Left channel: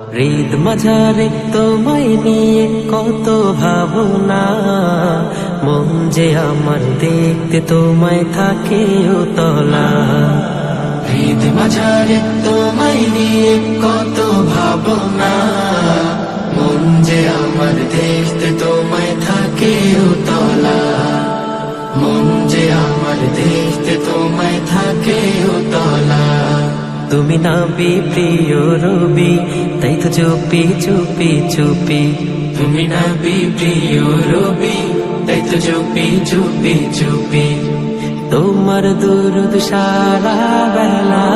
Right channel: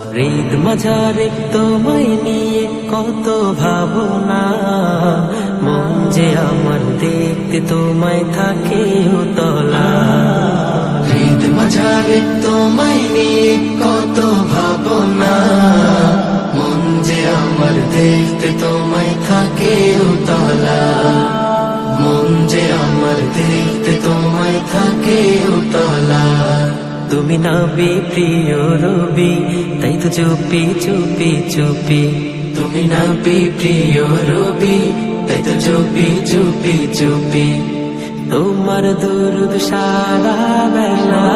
হৃদ মাঝারে তোমায় নিয়ে কত ভাবনা, মন যে আমার দেখতে তোমায় থাকে উতলা। হৃদ মাঝারে তোমায় নিয়ে কত ভাবনা, মন যে আমার দেখতে তোমায় থাকে উতলা। মন যে আমার দেখতে তোমায় থাকে উতলা। তুমি নবী প্রিয় রবি, তাই তো চুপি চুপি চুপি। তুমি নবী প্রিয় রবি, তাই তো চুপি চুপি চুপি। তোমার দুরুদ সারা বেলা